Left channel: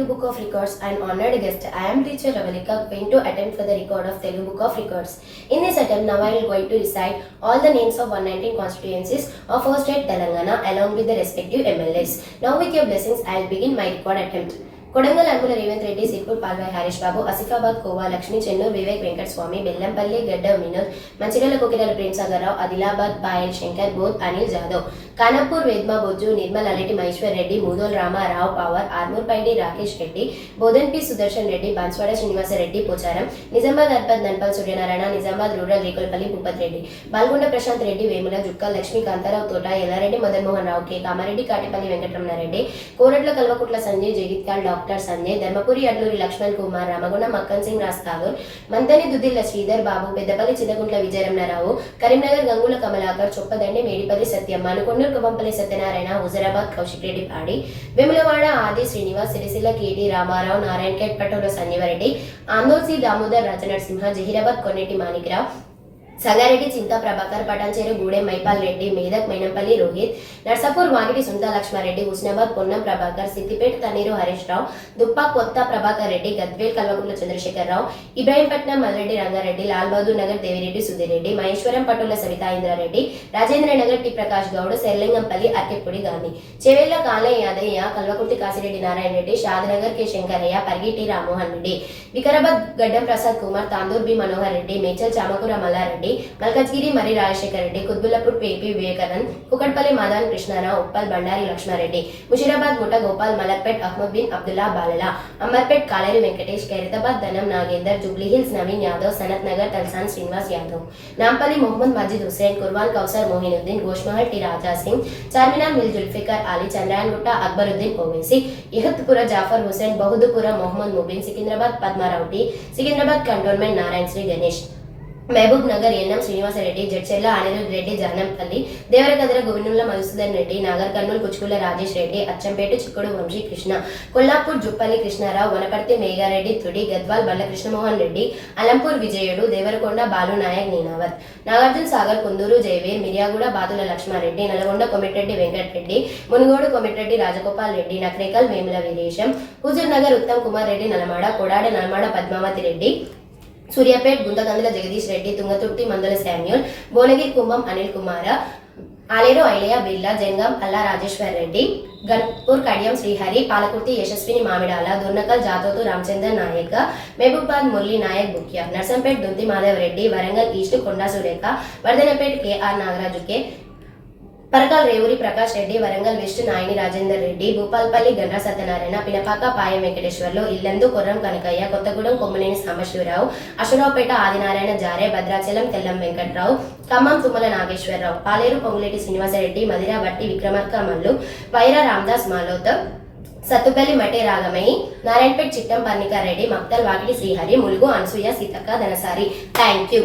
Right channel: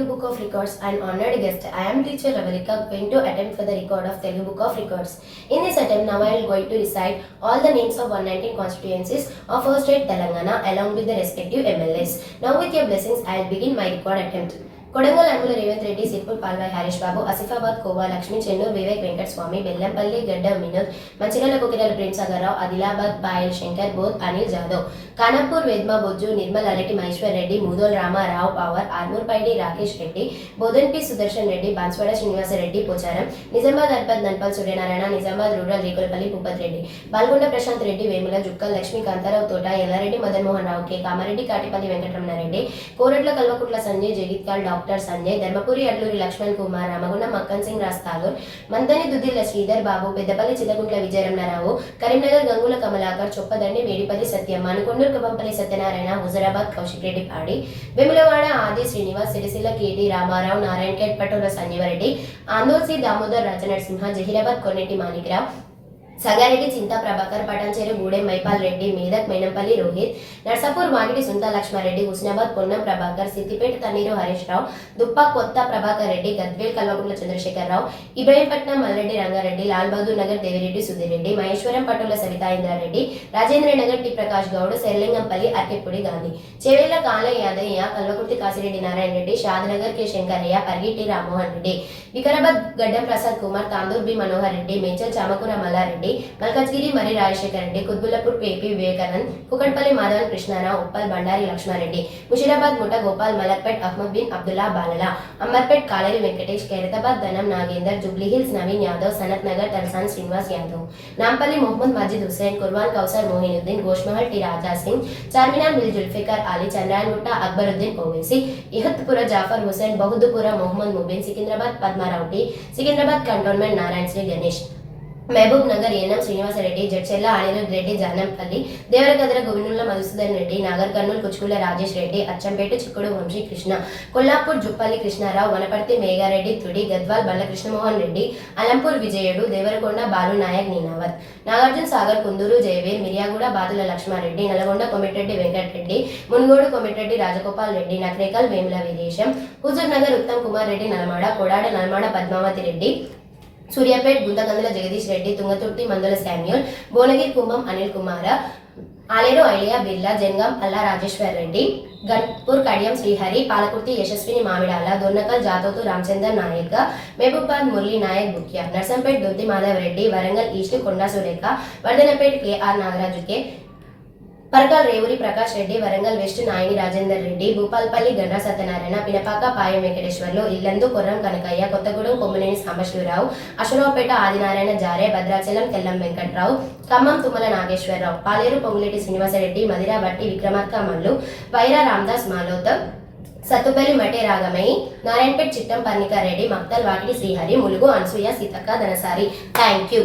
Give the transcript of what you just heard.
Telugu Book of Records and honored guest. I am teacher Ravalika going to attempt for the record of Telugu Book of Records. In this attempt, now I am going to recite all the names of 119 constituencies of our state Telangana along with the respective MLAs. Now with your blessings, I will begin my record attempt. Kodangal Anumula Revanth Reddy, Sirpur Palvai Harish బాబు, ఆసిఫాబాద్ కోవా లక్ష్మి, చెన్నూరు వివేక్ వెంకట స్వామి, బెల్లంపల్లి గడ్డ Vinod, Mancherial కుకిరాల Prem Sagar Rao, Adilabad Payal Shankar, Boath Anil Jadhav, Khanapur వేద్మా Bojju, Nirmal అలెటి Maheshwar Reddy, Mudhole Ramarao power, Armoor పైడి Rakesh Reddy, Bodhan P Sudarshan Reddy, Banswada Srinivasa Reddy Pocharam, Nizamabad అర్పద్ నంపల్ Suryanarayana, Nizamabad rural Rekulapalli Bhupath Reddy, బాల్గొండ Prashanth Reddy, Vemula Jukkal Lakshmi Kantharao తోట, Yellareddy Madan Mohan Rao, K Kamareddy, Katipalli Venkataramana Reddy, Koratla Kalvakuntla Sanjay, జగిత్కాల్ doctor Sanjay, Dharmapuri Adluri Laxman Kumar, Ramagundam Makkan Singh రాస్తాగూర్, Manthani Duddilla Sridhar Babu, Peddapalli చిల్లగుంట్ల Vijaya Ramana Rao, Karimnagar Gangula Kamalakar, Choppadandi Medipalli సత్యం, మనుకొండూరు కవంపల్లి సత్యనారాయణ, హుజరాబాద్ కౌశిక్ రెడ్డి పాడి, వెములవాడ ఆది శ్రీనివాస్, సిరిసిల్ల కేటి రామారావు, నారాయణఖేడ్ పటోల సంజీవరెడ్డి, ఆందోర్సి దామోదర్ రాజనరసింహ, జహీరాబాద్ కొన్నేటి మాణిక్రావు, సంగారెడ్డి చింతా ప్రభాకర్, పటాన్చేరు గూడెం మైపాల్ రెడ్డి, మేదక్ మైనంపల్లి రోహిత్, నర్సాపూర్ వాగిడి సుంతా లక్ష్మారెడ్డి, హుస్నాబాద్ పొన్నం ప్రభాకర్, సిద్దిపేట తన్నీరు హరీష్ రావు, దుప్పా కొత్త ప్రభాకర్ రెడ్డి, గద్వేల్ కల్వకుంట్ల చంద్రశేఖర్ రావు, Ibrahimpatnam Malreddy Rangareddy, Lal Bahadur Nagar Devireddy Sudhi Reddy, Maheshwaram patola Savitha Indra Reddy, Rajendra Nagar T Prakash Goud, Serilingampally అర్కెప్పుడి Gandhi, Chevella Kalaiah Yadaiah, Kalwakurthy Kasireddy Narayana Reddy, Shadnagar K Shankaraiah, పరిగిటి Rammohan Reddy, Vikarabad గడ్డం Prasad Kumar, తాందూర్ B Manohar Reddy, Medchal Chamakura Mallareddy, Malkajgiri మరి Rajasekhar Reddy, కుత్బుల్లపూర్ పేపి Vivekanand, Kukatpally Madhavan Krishnarao, Uppal Bandari Laxmareddy, Musheerabad Mutha Gopal, Malakpet Ahmed bin Abdullah Balala, Amberpet Kaleri Venkatesh, Khairatabad Danam Nagender, Jubilee Hills Naveen Yadav, Sanath Nagar Talasani Srinivas Yadav, Nampally Mohammed Majid Hussain, Karwan Kausar Mohiuddin, Goshamahal T Raja Singh, Charminar మిల్ జుల్ఫికర్ అలీ, చంద్రాయన్ గుట్ట అక్బరుద్దీన్ ఓవైసీ, ఇహత్పుర Jafar Hussain, Bahadurpura Mohammed Mubeen, Secunderabad Padmarao T, Secunderabad cantonment Narayana Sri Ganesh, Mahabub Nagar NM Srinivasreddy, Jadcherla Anirudh Reddy, Janampally Devarakadra Govinula Madhusudan Reddy, Nagar Kurnool కుచ్కుల Rajesh Reddy, Achampet చిక్కుడు వంశీ కృష్ణ, కొల్లాపూర్ జుప్పల్లి కృష్ణారావు, వనపర్తి మేఘారెడ్డి తుడి, గద్వాల్ బండ్ల కృష్ణమోహన్ రెడ్డి, అలంపూర్ విజయుడు, దేవరకొండ బాలు నాయక్ నీనావత్, నాగార్జున సాగర్ కుందూరు జయవీర్, మిర్యాగూడ బాతుల Lakshma Reddy, Nalgonda Komatireddy Venkatareddy, Munugode Komatireddy Rajagopal Reddy, Nakrekal Vemula Veeresham, Huzur Nagar Uttam Kumar Reddy, నల్మాడ కొడాడ నల్మాడ Padmavati Reddy, Suryapet గుంతకందుల Jagadish Reddy, Thungathurthi Mandula Samuel, Bhuvanagiri Kumbham Anil Kumara, Aleru Ailaya Birla, Jangam Alla Rajeshwar Reddy, Ghanpur Kadiyam Srihari, Palakurthi Yashaswini Mamidala, Dornakal Jatothu Ramachander Naik, Mahabubabad Murali Naik Bukya, Narsampet Donthi Madhav Reddy, Warangal East Konda Surekha, Wardhannapet K R Nagaraju K, Parkal Revuri Prakash Reddy, Warangal West Nayani Rajender Reddy, Bhupalpally Gandra Satyanarayana, Pinapaka Payam Venkateswarlu, Yellandu Koram Kanakaiah, Kothagudem Kommaneni Sambasivarao, Aswaraopeta Adinarayana Jare, Bhadrachalam Tellam Venkatrao, Khammam Tummala Nageswararao, Paleru Ponguleti Srinivasareddy, Madhira Bhatti Vikramarka Mallu, Wyra Ramdas Maloth, Sathupalli Matta Ragamayi, Narayanpet Chittem Parnikareddy, Makthal Vakiti Srihari, Mulugu Anasuya Seethakka Dhanasari. Thank you.